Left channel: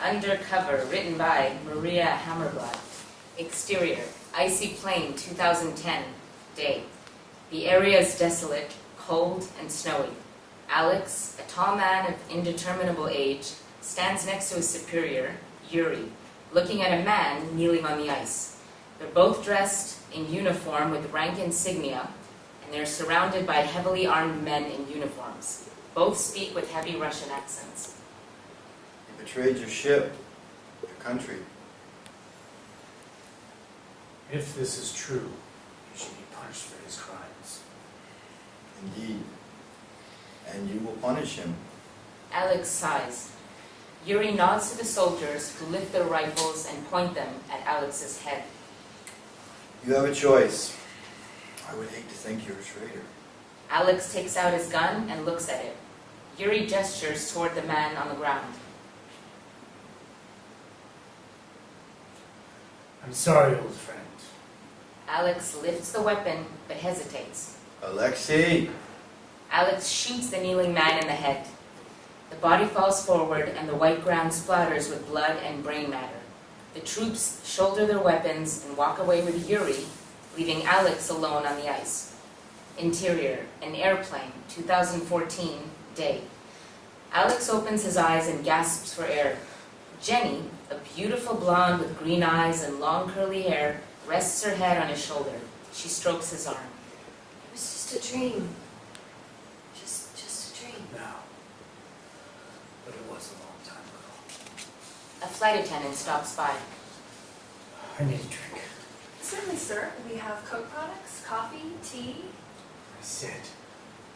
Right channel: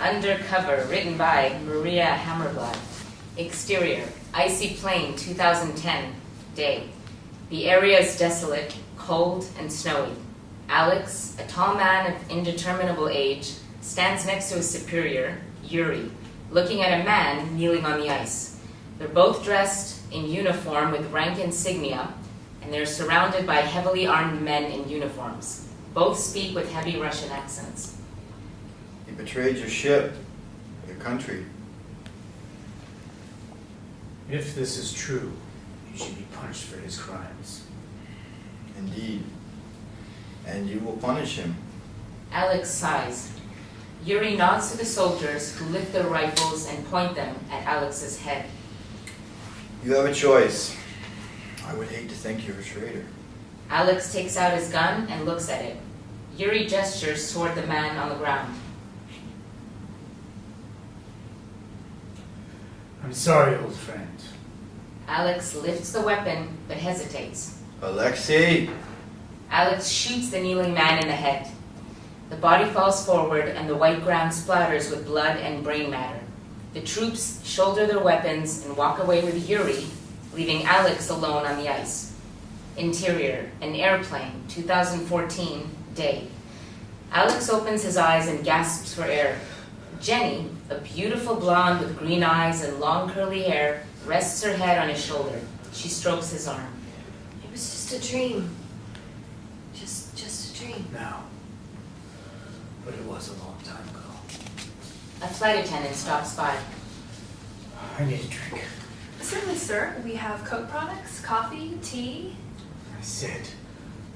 Undercover, written by Maria Hammarblad. Exterior, icy plain, 2010, day. The area is desolate, cold, and snowy. Alex, a tall man of indeterminable age, stands next to his superior, Yuri, looking at a man kneeling on the ice. They're both dressed in uniform with rank insignia, and they're surrounded by heavily armed men in uniforms. Both speak with heavy Russian accents. He betrayed your ship, your country. If this is true, you should be punished for his crimes. Indeed. And you will punish him. Alex sighs. Yuri nods to the soldiers who lift their rifles and point them at Alex's head. You have a choice. I would hate to think you're a traitor. Alex takes out his gun and looks at it. Yuri gestures toward the man on the ground. I'm sorry, old friend. Alex lifts the weapon, but hesitates. Alexei! Alex shoots the kneeling man in the head. The body falls forward and the white ground splatters with blood and brain matter. The troops shoulder their weapons and walk away with Yuri, leaving Alex alone on the ice. Interior, an airplane, 2014, day. Alex opens his eyes and gasps for air. Jenny, a beautiful blonde with green eyes and long curly hair, rests her head on his shoulder. She strokes his arm. It was just a dream. Just a dream. No. But it was a long time ago. A flight attendant stops by. I need a drink. Certainly, sir. We have Coke products, coffee, tea. I said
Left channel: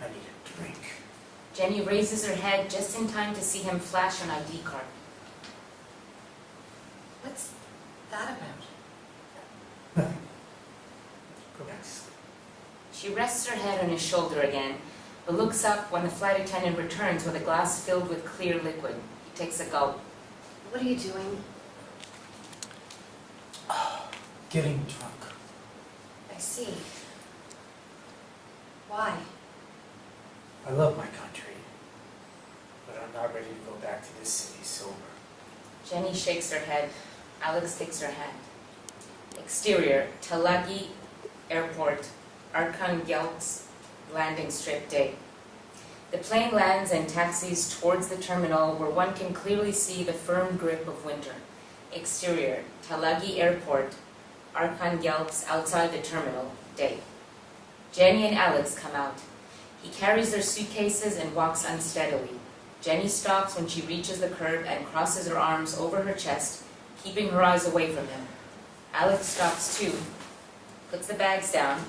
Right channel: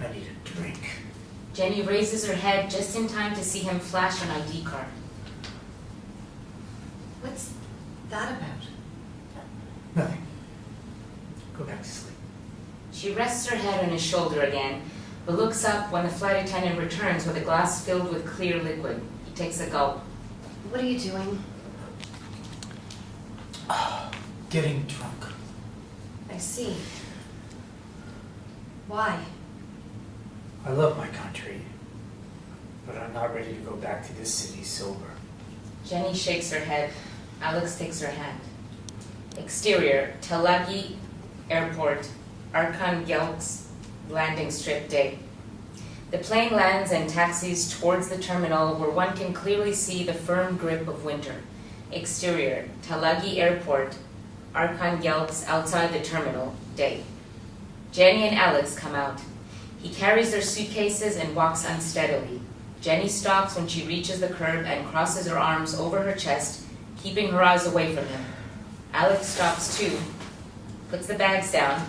I need a drink. Jenny raises her head just in time to see him flash an ID card. What's that about? Nothing. Go back to sleep. She rests her head on his shoulder again, but looks up when the flight attendant returns with a glass filled with clear liquid. He takes a gulp. What are you doing? Getting drunk. I see. Why? I love my country, but I'm not ready to go back to this city sober. Jenny shakes her head. Alex takes her hand. Exterior, Talagi Airport, Arkhangelsk landing strip, day. The plane lands and taxis towards the terminal where one can clearly see the firm grip of winter. Exterior, Talagi Airport, Arkhangelsk outside the terminal, day. Jenny and Alex come out. He carries their suitcases and walks unsteadily. Jenny stops when she reaches the curb and crosses her arms over her chest, keeping her eyes away from him. Alex stops too, puts the bags down,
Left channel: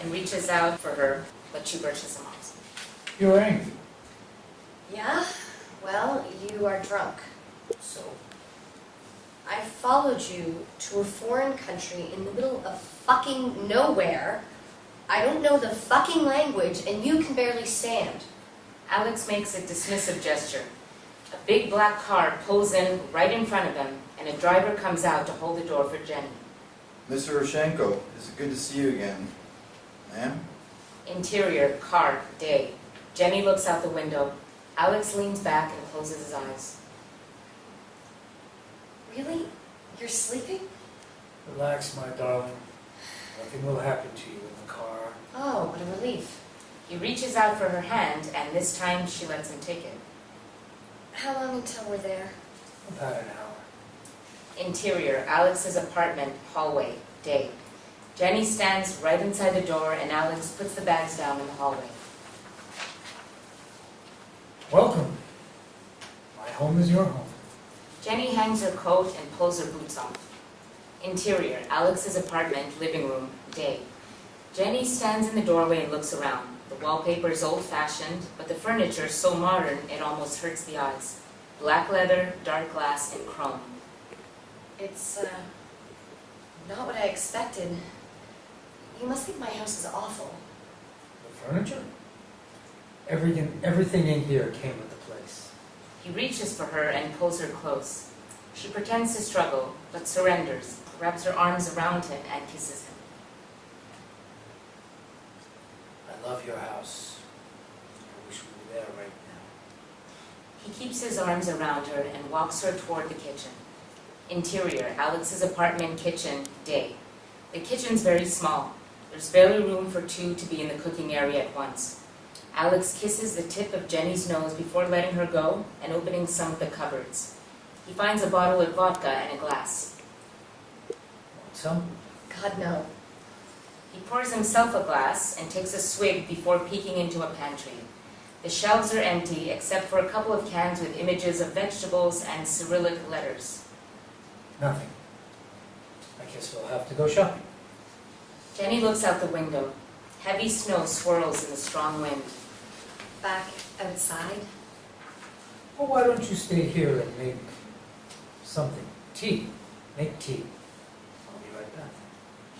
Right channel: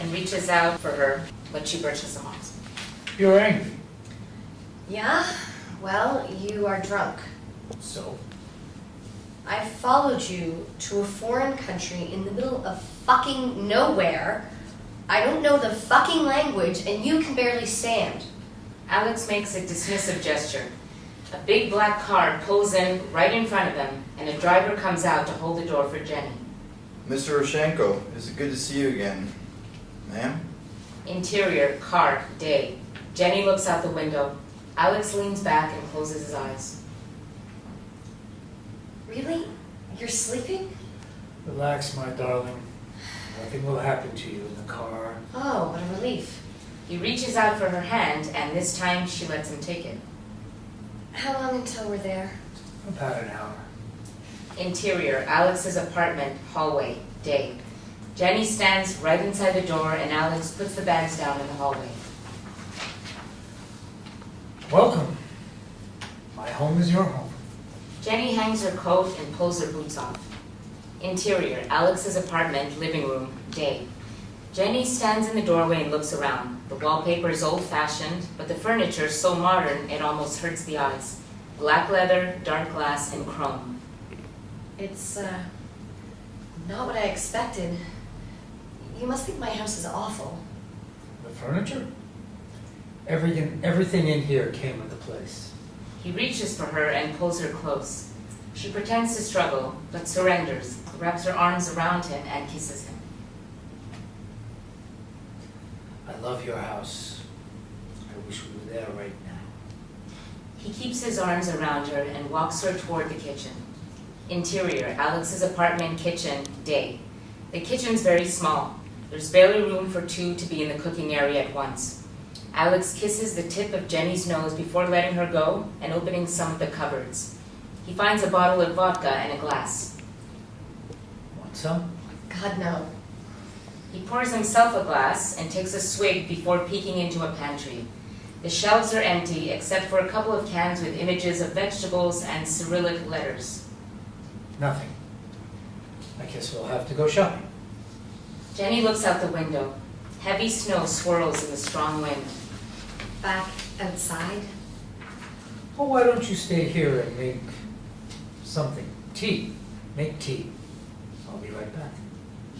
and reaches out for her, but she brushes him off. You're angry. Yeah? Well, you are drunk. So? I followed you to a foreign country in the middle of fucking nowhere. I don't know the fucking language, and you can barely stand. Alex makes a dismissive gesture. A big black car pulls in right in front of them, and a driver comes out to hold the door for Jenny. Mr. Roshenko, it's good to see you again. Ma'am? Interior, car, day. Jenny looks out the window. Alex leans back and closes his eyes. Really? You're sleeping? Relax, my darling. Nothing will happen to you in the car. Oh, what a relief. He reaches out for her hand, and this time she lets him take it. How long until we're there? About an hour. Interior, Alex's apartment, hallway, day. Jenny stands right inside the door, and Alex puts the bags down in the hallway. Welcome. My home is your home. Jenny hangs her coat and pulls her boots off. Interior, Alex's apartment, living room, day. Jenny stands in the doorway and looks around. The wallpaper is old-fashioned, but the furniture is so modern it almost hurts the eyes. Black leather, dark glass, and chrome. It's, not what I expected. You must think my house is awful. The furniture? Everything in here came with the place. He reaches for her and pulls her close. She pretends to struggle, but surrenders, wraps her arms around him, and kisses him. I love your house. I wish we were there right now. He keeps his arms around her and walks her toward the kitchen. Interior, Alex's apartment kitchen, day. The kitchen's very small. There's barely room for two to be in the cooking area at once. Alex kisses the tip of Jenny's nose before letting her go and opening some of the cupboards. He finds a bottle of vodka and a glass. Want some? God, no. He pours himself a glass and takes a swig before peeking into a pantry. The shelves are empty except for a couple of cans with images of vegetables and Cyrillic letters. Nothing. I guess we'll have to go shopping. Jenny looks out the window. Heavy snow swirls in the strong wind. Back outside? Well, why don't you stay here and make something? Tea. Make tea. I'll be right back.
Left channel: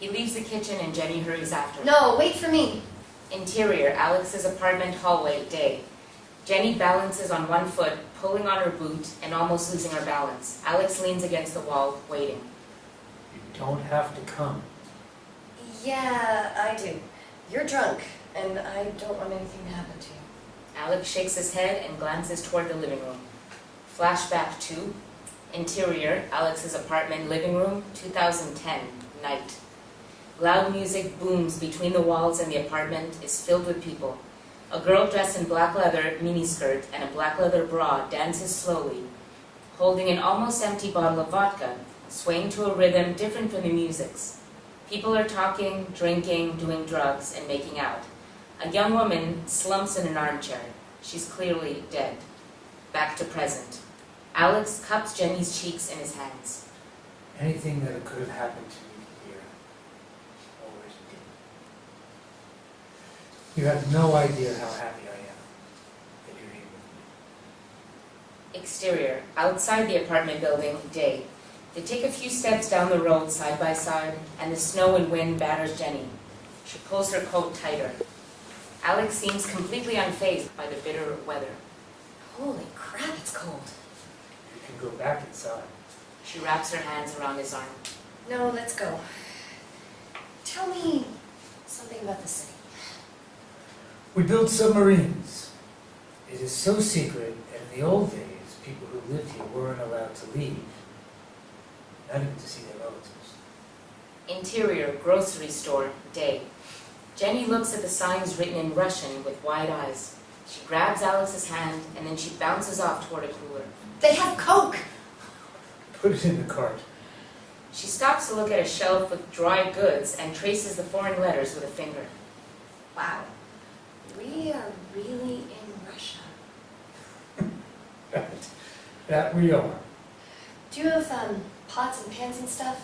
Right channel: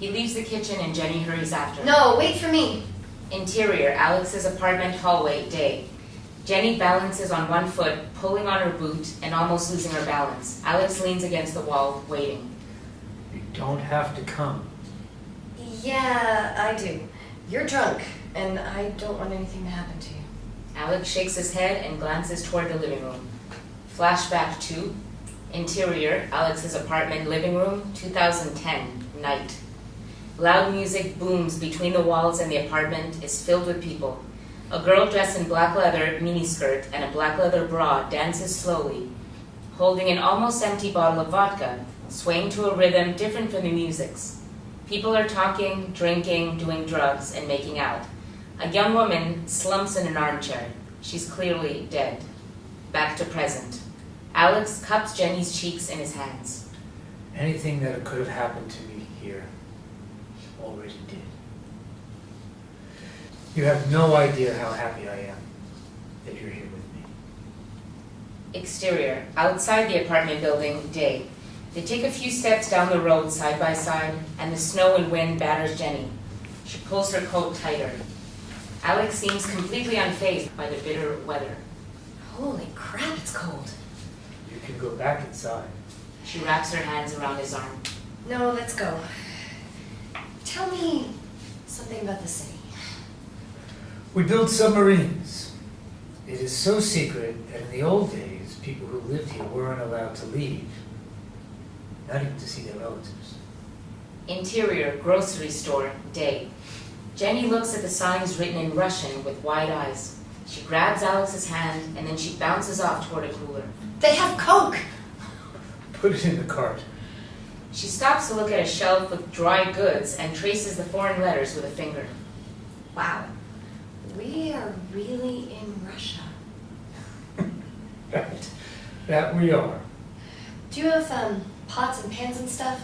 He leaves the kitchen and Jenny hurries after. No, wait for me. Interior, Alex's apartment hallway, day. Jenny balances on one foot, pulling on her boot and almost losing her balance. Alex leans against the wall, waiting. You don't have to come. Yeah, I do. You're drunk, and I don't want anything to happen to you. Alex shakes his head and glances toward the living room. Flashback 2. Interior, Alex's apartment living room, 2010, night. Loud music booms between the walls and the apartment is filled with people. A girl dressed in black leather miniskirt and a black leather bra dances slowly, holding an almost empty bottle of vodka, swaying to a rhythm different from the music's. People are talking, drinking, doing drugs, and making out. A young woman slumps in an armchair. She's clearly dead. Back to present. Alex cups Jenny's cheeks in his hands. Anything that could have happened to me here already did. You have no idea how happy I am that you're here with me. Exterior, outside the apartment building, day. They take a few steps down the road side by side, and the snow and wind batters Jenny. She pulls her coat tighter. Alex seems completely unfazed by the bitter weather. Holy crap, it's cold. You can go back inside. She wraps her hands around his arm. No, let's go. Tell me something about the city. We built submarines. It is so secret that in the old days, people who lived here weren't allowed to leave. Not even to see their relatives. Interior, grocery store, day. Jenny looks at the signs written in Russian with wide eyes. She grabs Alex's hand and then she bounces off toward a cooler. They have Coke! Put it in the cart. She stops to look at a shelf with dry goods and traces the foreign letters with a finger. Wow. We are really in Russia. Right. That we are. Do you have pots and pans and stuff?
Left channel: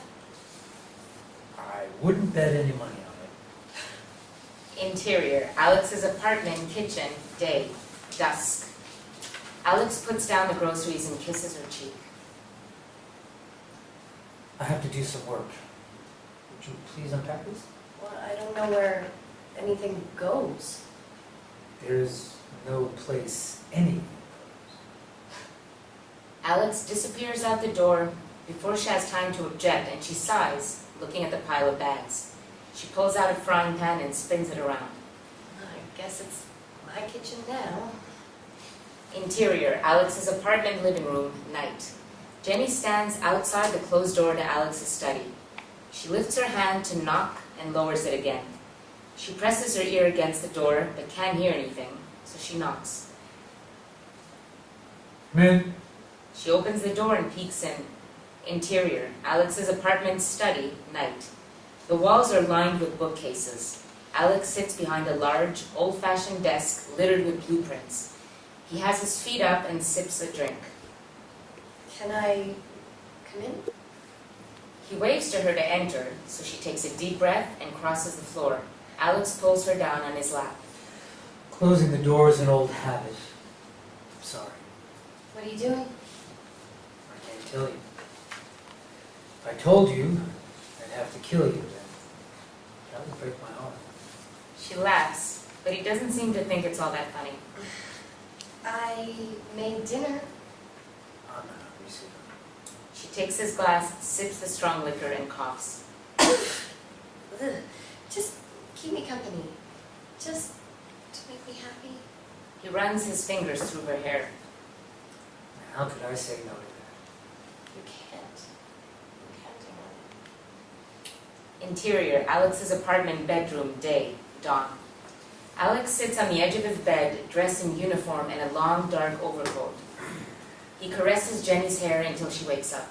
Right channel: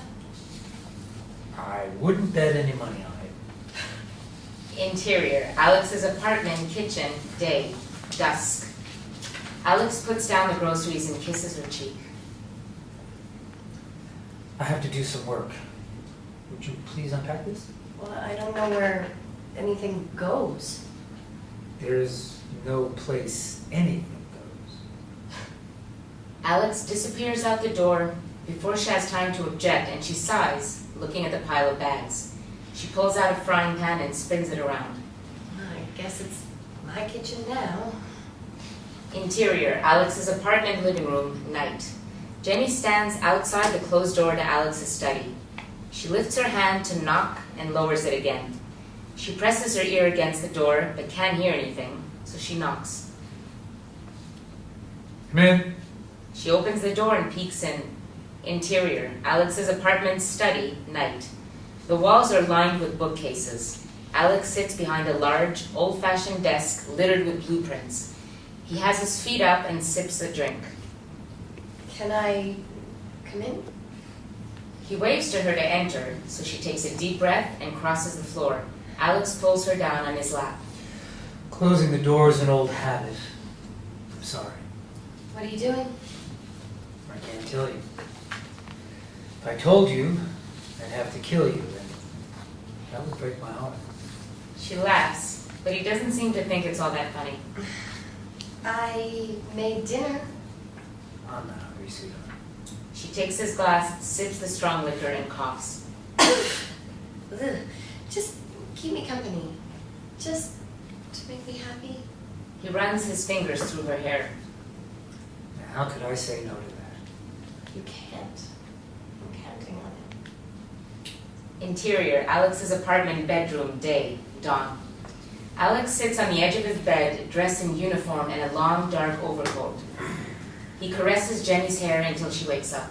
I wouldn't bet any money on it. Interior, Alex's apartment, kitchen, day, dusk. Alex puts down the groceries and kisses her cheek. I have to do some work. Would you please unpack this? Well, I don't know where anything goes. There's no place anything goes. Alex disappears out the door before she has time to object, and she sighs, looking at the pile of bags. She pulls out a frying pan and spins it around. I guess it's my kitchen now. Interior, Alex's apartment living room, night. Jenny stands outside the closed door to Alex's study. She lifts her hand to knock and lowers it again. She presses her ear against the door but can't hear anything, so she knocks. Come in. She opens the door and peeks in. Interior, Alex's apartment study, night. The walls are lined with bookcases. Alex sits behind a large, old-fashioned desk littered with blueprints. He has his feet up and sips a drink. Can I come in? He waves to her to enter, so she takes a deep breath and crosses the floor. Alex pulls her down on his lap. Closing the door is an old habit. I'm sorry. What are you doing? I can't tell you. If I told you, I'd have to kill you, and that would break my heart. She laughs, but he doesn't seem to think it's all that funny. I made dinner. I'm not hungry, sweetheart. She takes his glass, sips the strong liquor, and coughs. Ugh. Just keep me company. Just to make me happy. He runs his fingers through her hair. How could I say no to that? You can't. I'm counting on it. Interior, Alex's apartment bedroom, day, dawn. Alex sits on the edge of his bed, dressed in uniform and a long, dark overcoat. He caresses Jenny's hair until she wakes up.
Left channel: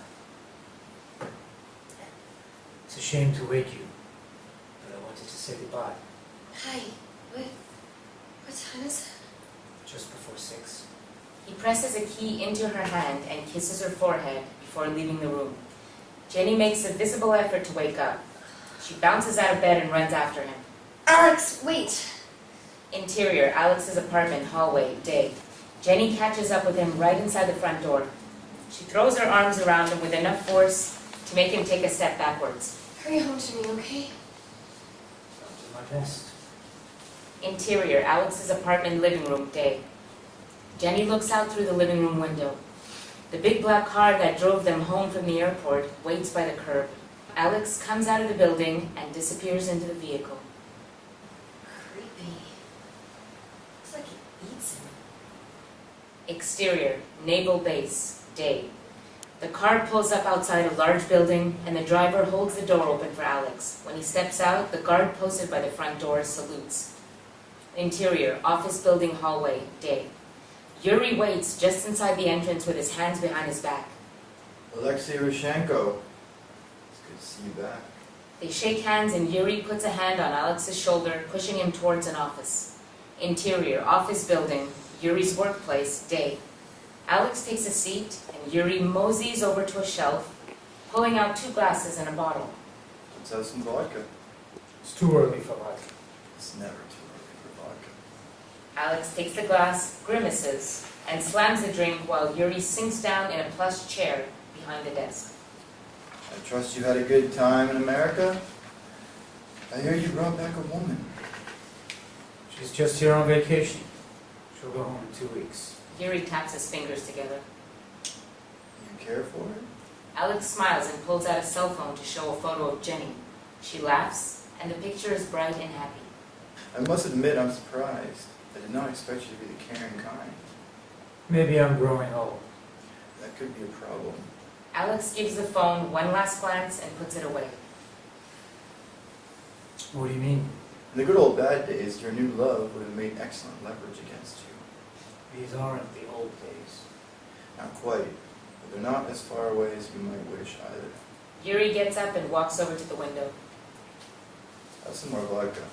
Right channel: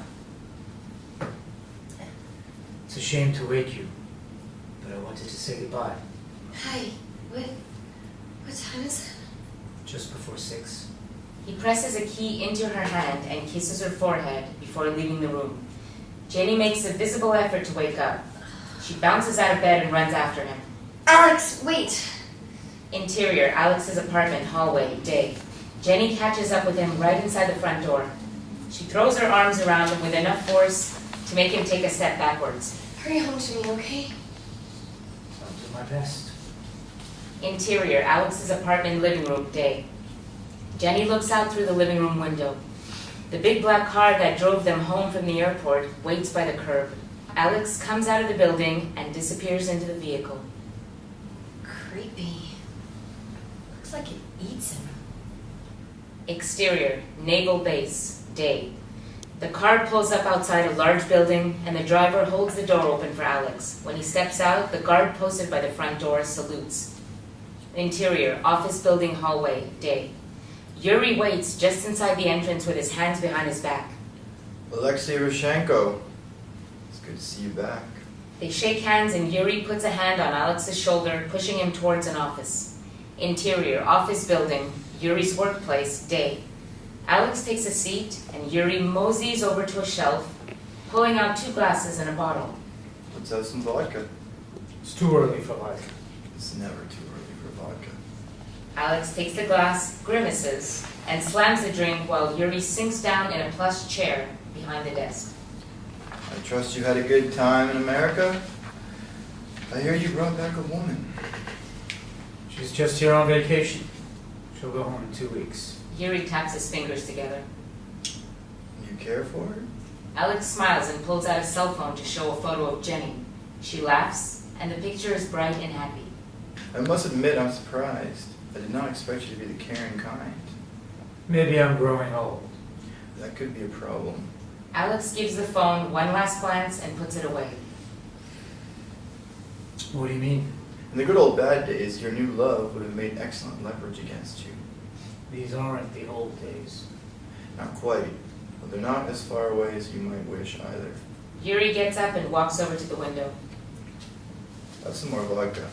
It's a shame to wake you, but I wanted to say goodbye. Hi. What time is it? Just before 6. He presses a key into her hand and kisses her forehead before leaving the room. Jenny makes a visible effort to wake up. She bounces out of bed and runs after him. Alex, wait! Interior, Alex's apartment, hallway, day. Jenny catches up with him right inside the front door. She throws her arms around him with enough force to make him take a step backwards. Hurry home to me, okay? I'll do my best. Interior, Alex's apartment, living room, day. Jenny looks out through the living room window. The big black car that drove them home from the airport waits by the curb. Alex comes out of the building and disappears into the vehicle. Creepy. Looks like it eats him. Exterior, Naval Base, day. The car pulls up outside a large building and the driver holds the door open for Alex. When he steps out, the guard posted by the front door salutes. Interior, office building, hallway, day. Yuri waits just inside the entrance with his hands behind his back. Alexei Roshenko. It's good to see you back. They shake hands and Yuri puts a hand on Alex's shoulder, pushing him towards an office. Interior, office building, Yuri's workplace, day. Alex takes a seat and Yuri moseys over to a shelf, pulling out 2 glasses and a bottle. Let's have some vodka. It's too early for vodka. It's never too early for vodka. Alex takes the glass, grimaces, and slams the drink while Yuri sinks down in a plush chair behind the desk. I trust you had a good time in America. I hear you brought back a woman. She's just here on vacation. She'll go home in 2 weeks. Yuri taps his fingers together. You care for her? Alex smiles and pulls out a cell phone to show a photo of Jenny. She laughs, and the picture is bright and happy. I must admit I'm surprised. I did not expect you to be the caring kind. Maybe I'm growing old. That could be a problem. Alex gives the phone one last glance and puts it away. What do you mean? In the good old bad days, your new love would have made excellent leverage against you. These aren't the old days. Not quite, but they're not as far away as you might wish either. Yuri gets up and walks over to the window. Have some more vodka.